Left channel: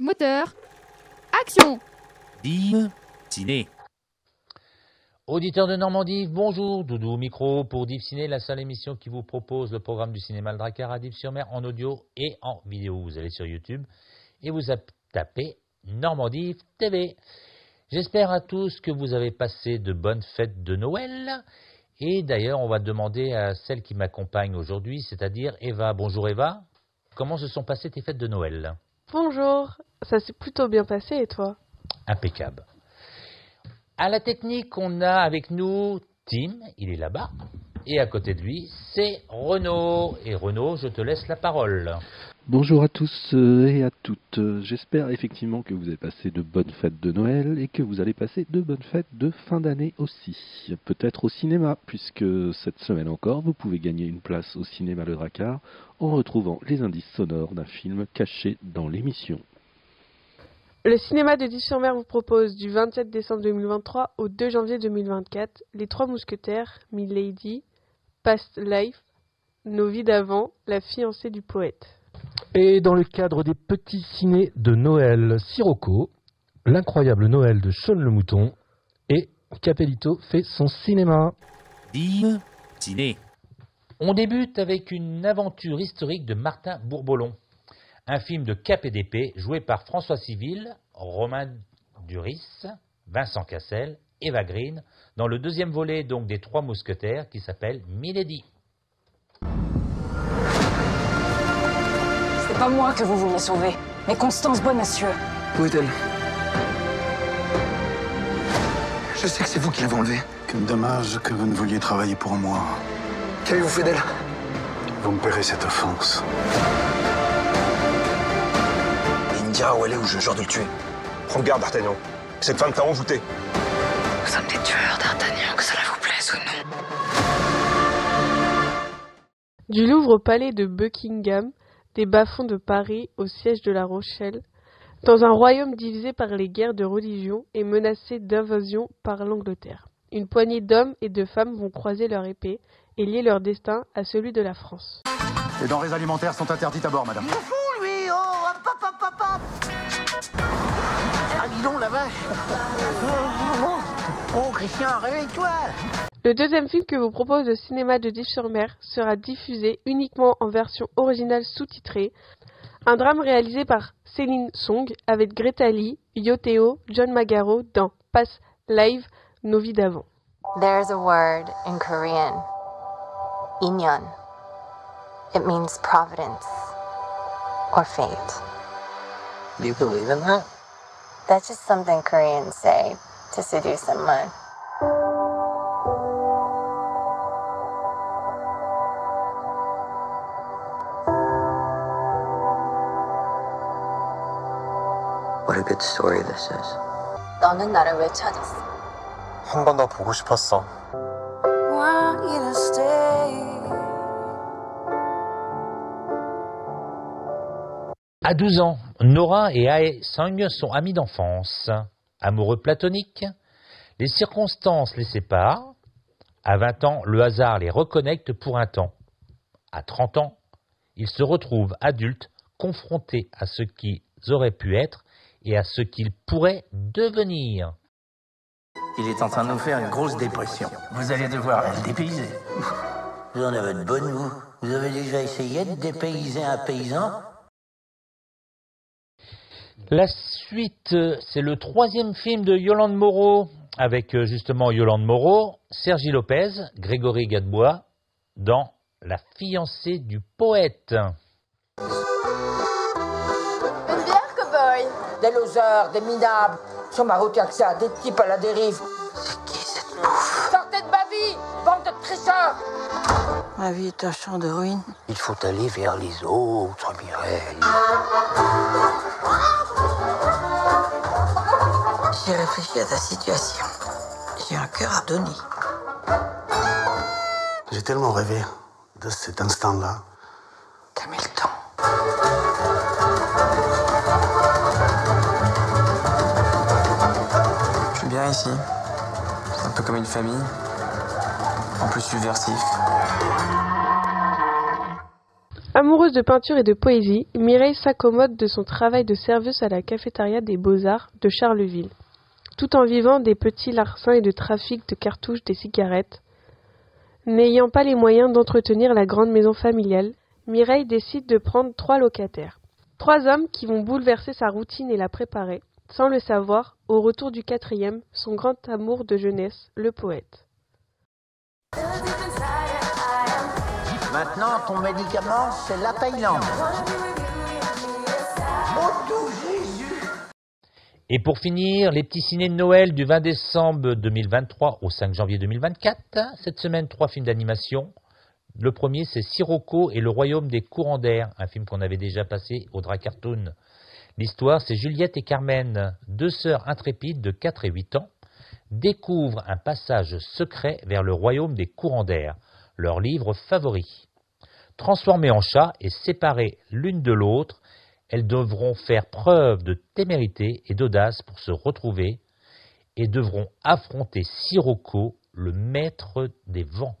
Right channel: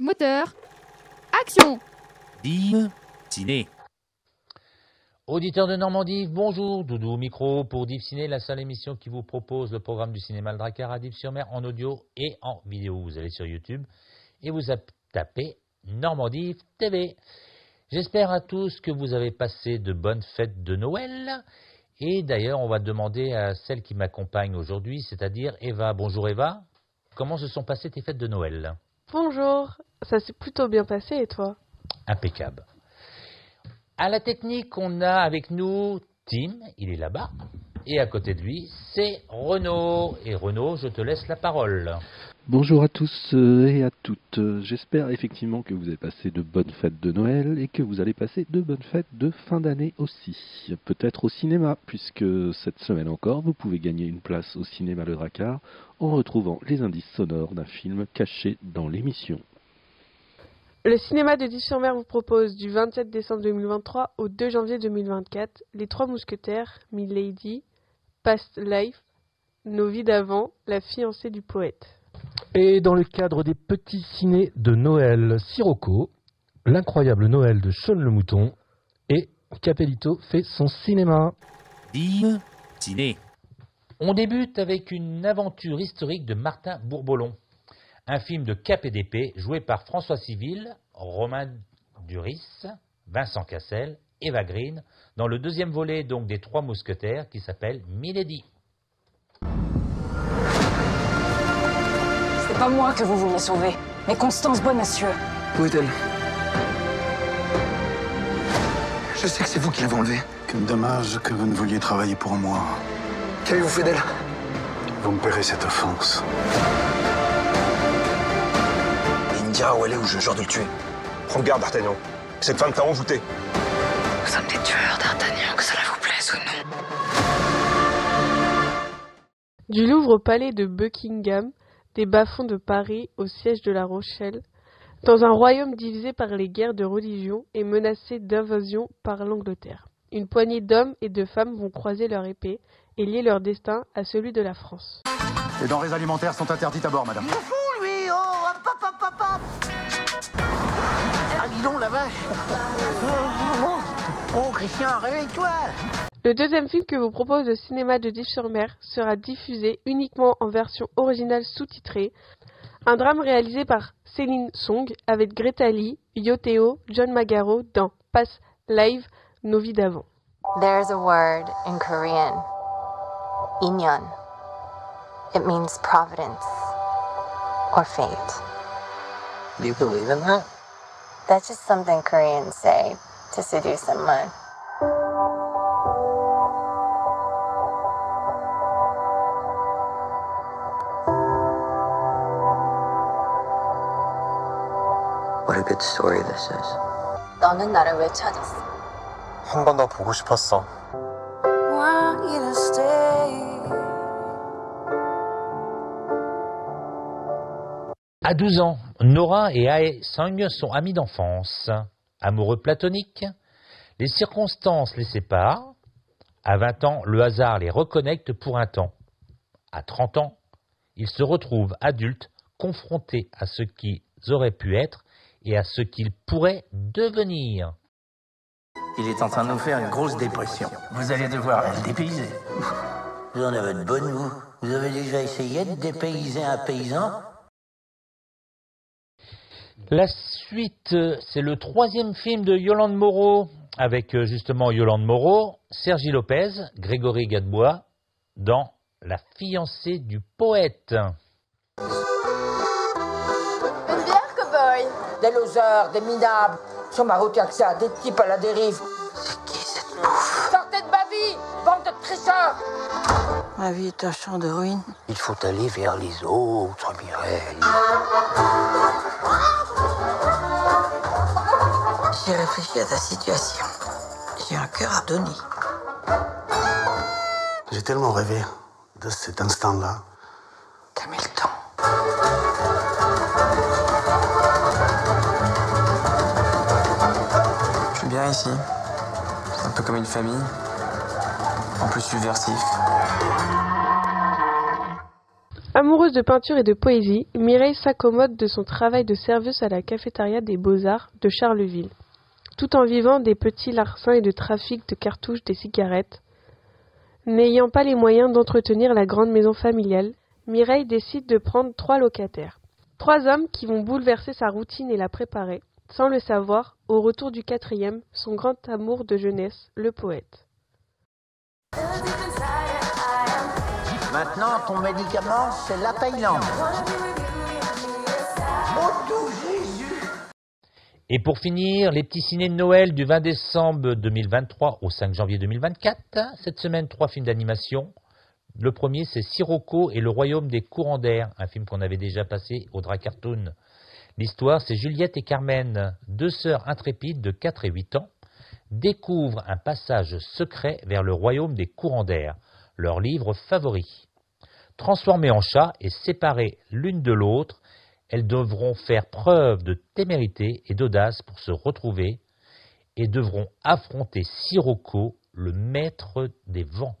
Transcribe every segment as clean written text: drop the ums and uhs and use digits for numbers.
Moteur. Action. Dime Ciné. Auditeurs de Normandie, bonjour, Doudou au micro pour Deep Ciné, la seule émission qui vous propose le programme du cinéma Le Drakkar à Deep-sur-Mer en audio et en vidéo. Vous allez sur YouTube et vous tapez Normandie TV. J'espère à tous que vous avez passé de bonnes fêtes de Noël. Et d'ailleurs, on va demander à celle qui m'accompagne aujourd'hui, c'est-à-dire Eva. Bonjour Eva, comment se sont passées tes fêtes de Noël? Bonjour, ça s'est plutôt bien passé et toi? Impeccable. À la technique, on a avec nous Tim, il est là-bas, et à côté de lui, c'est Renaud. Et Renaud, je te laisse la parole. Bonjour à tous et à toutes. J'espère effectivement que vous avez passé de bonnes fêtes de Noël et que vous allez passer de bonnes fêtes de fin d'année aussi. Peut-être au cinéma, puisque cette semaine encore, vous pouvez gagner une place au cinéma Le Drakkar en retrouvant les indices sonores d'un film caché dans l'émission. Le cinéma de Deep-sur-Mer vous propose du 27 décembre 2023 au 2 janvier 2024 Les Trois Mousquetaires, Milady, Past Life, Nos vies d'avant, La fiancée du poète. Et dans le cadre des petits ciné de Noël, Sirocco, L'incroyable Noël de Shaun le Mouton et Capellito fait son cinéma. Dime Ciné. On débute avec une aventure historique de Martin Bourboulon. Un film de Cap et d'épée joué par François Civil, Romain Duris, Vincent Cassel, Eva Green, dans le deuxième volet donc des Trois Mousquetaires qui s'appelle Milady. C'est pas moi que vous vouliez sauver, mais Constance Bonacieux. Où est-elle? Je sais que c'est vous qui l'avez enlevée. Quel dommage que vous ne vouliez travailler pour moi. Qu'avez-vous fait d'elle? Vous me paierez cette offense. Il me dira où elle est ou je jure de le tuer. Prends garde, D'Artagnan. Cette femme t'a envoûté. Nous sommes des tueurs, d'Artagnan, que cela vous plaise ou non. Du Louvre au palais de Buckingham, des bas-fonds de Paris au siège de La Rochelle, dans un royaume divisé par les guerres de religion et menacé d'invasion par l'Angleterre. Une poignée d'hommes et de femmes vont croiser leur épée et lier leur destin à celui de la France. Les denrées alimentaires sont interdites à bord, madame. Il est fou, lui! Oh, hop, hop, hop, hop, hop! Ah, dis donc, la vache! Oh, Christian, réveille-toi! Le deuxième film que vous propose le cinéma de Deep-sur-Mer sera diffusé uniquement en version originale sous-titrée. Un drame réalisé par Céline Song avec Greta Lee, Yoteo, John Magaro dans Past Live, Nos vies d'avant. There's a word in Korean, inyeon. It means providence or fate. Do you believe in that? That's just something Koreans say to seduce someone. What a good story this is. 너는 나를 왜 찾았어? 한 번 더 보고 싶었어. À 12 ans, Nora et Ae Sang sont amis d'enfance. Amoureux platoniques, les circonstances les séparent. À 20 ans, le hasard les reconnecte pour un temps. À 30 ans, ils se retrouvent adultes, confrontés à ce qu'ils auraient pu être et à ce qu'ils pourraient devenir. Il est en train de nous faire une grosse dépression. Vous allez devoir le dépayser. Vous en avez de bonnes, vous. Vous avez déjà essayé de dépayser un paysan? La suite, c'est le troisième film de Yolande Moreau, avec justement Yolande Moreau, Sergi Lopez, Grégory Gadebois, dans La fiancée du poète. Une bière, cow-boy? Des losers, des minables. Sur ma route, y'a que ça, des types à la dérive. C'est qui cette bouffe? Sortez de ma vie, bande de tricheurs! Ma vie est un champ de ruines. Il faut aller vers les autres, Mireille. J'ai réfléchi à ta situation. J'ai un cœur à donner. J'ai tellement rêvé de cet instant-là. T'as mis le temps. Je suis bien ici. C'est un peu comme une famille. En plus subversif. Amoureuse de peinture littérature et de poésie, Mireille s'accommode de son travail de serveuse à la cafétéria des Beaux-Arts de Charleville, tout en vivant des petits larcins et de trafic de cartouches de cigarettes. N'ayant pas les moyens d'entretenir la grande maison familiale, Mireille décide de prendre 3 locataires. 3 hommes qui vont bouleverser sa routine et la préparer, sans le savoir, au retour du 4e, son grand amour de jeunesse, le poète. Maintenant, ton médicament, c'est la Thaïlande. Oh, tout Jésus! Et pour finir, les petits ciné de Noël du 20 décembre 2023 au 5 janvier 2024. Cette semaine, 3 films d'animation. Le premier, c'est Sirocco et le royaume des courants d'air, un film qu'on avait déjà passé au Dracartoon. L'histoire, c'est Juliette et Carmen, 2 sœurs intrépides de 4 et 8 ans, découvrent un passage secret vers le royaume des courants d'air, leur livre favori. Transformées en chats et séparées l'une de l'autre, elles devront faire preuve de témérité et d'audace pour se retrouver et devront affronter Sirocco, le maître des vents.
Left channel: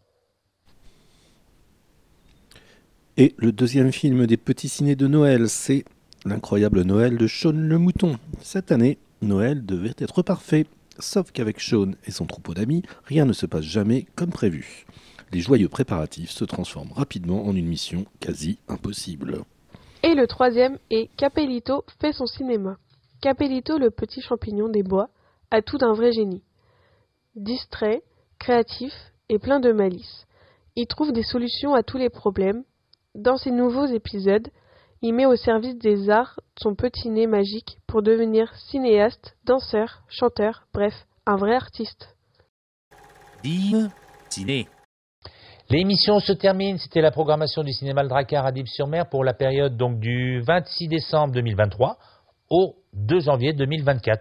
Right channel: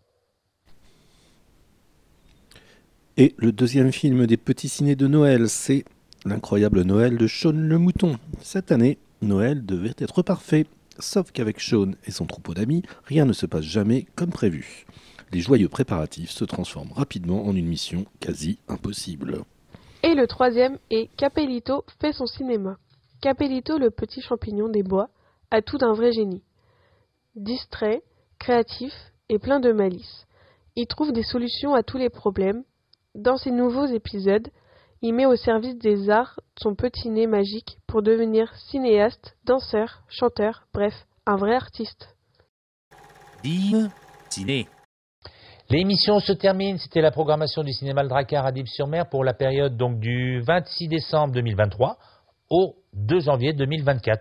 Et le deuxième film des petits ciné de Noël, c'est L'incroyable Noël de Shaun le Mouton. Cette année, Noël devait être parfait, sauf qu'avec Shaun et son troupeau d'amis, rien ne se passe jamais comme prévu. Les joyeux préparatifs se transforment rapidement en une mission quasi impossible. Et le troisième est Capellito fait son cinéma. Capellito, le petit champignon des bois, a tout d'un vrai génie. Distrait, créatif et plein de malice. Il trouve des solutions à tous les problèmes. Dans ses nouveaux épisodes, il met au service des arts son petit nez magique pour devenir cinéaste, danseur, chanteur, bref, un vrai artiste. Dîme ciné. L'émission se termine, c'était la programmation du cinéma Le Dracard à Dieppe-sur-Mer pour la période donc du 26 décembre 2023 au 2 janvier 2024.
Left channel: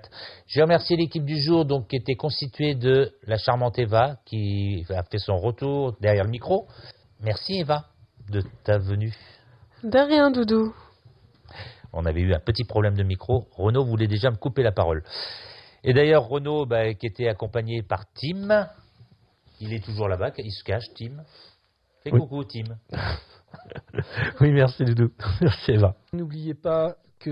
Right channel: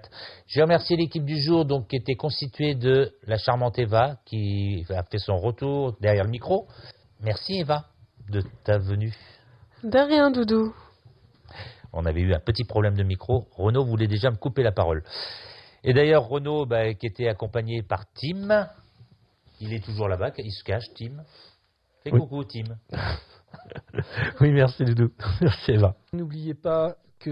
Je remercie l'équipe du jour donc, qui était constituée de la charmante Eva qui a fait son retour derrière le micro. Merci Eva de ta venue. De rien, Doudou. On avait eu un petit problème de micro. Renaud voulait déjà me couper la parole. Et d'ailleurs, Renaud, qui était accompagné par Tim, il est toujours là-bas, il se cache, Tim. Fais coucou, Tim. Oui, merci Doudou. C'est là. N'oubliez pas que...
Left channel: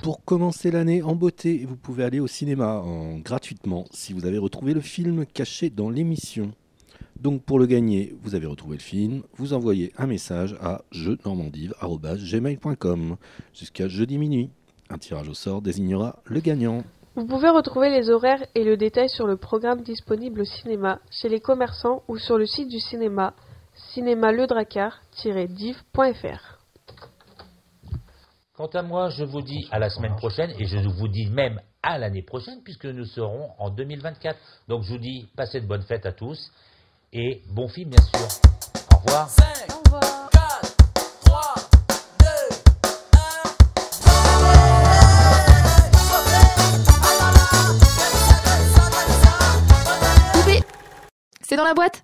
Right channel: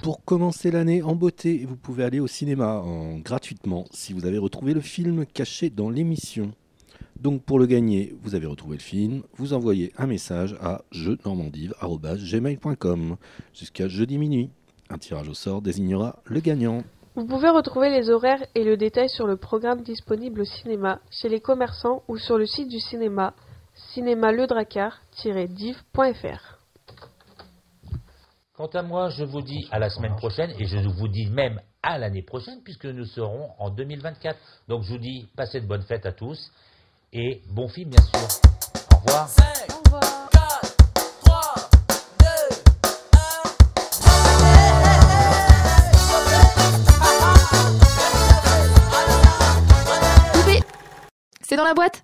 Pour commencer l'année en beauté, vous pouvez aller au cinéma gratuitement si vous avez retrouvé le film caché dans l'émission. Donc pour le gagner, vous avez retrouvé le film, vous envoyez un message à jeuxnormandive@gmail.com jusqu'à jeudi minuit. Un tirage au sort désignera le gagnant. Vous pouvez retrouver les horaires et le détail sur le programme disponible au cinéma, chez les commerçants ou sur le site du cinéma, cinémaledracard-div.fr. Quant à moi, je vous dis à la semaine prochaine et je vous dis même à l'année prochaine puisque nous serons en 2024. Donc je vous dis, passez de bonnes fêtes à tous et bon film. 5, 4, 3, 2, 1. Poupée, c'est dans la boîte.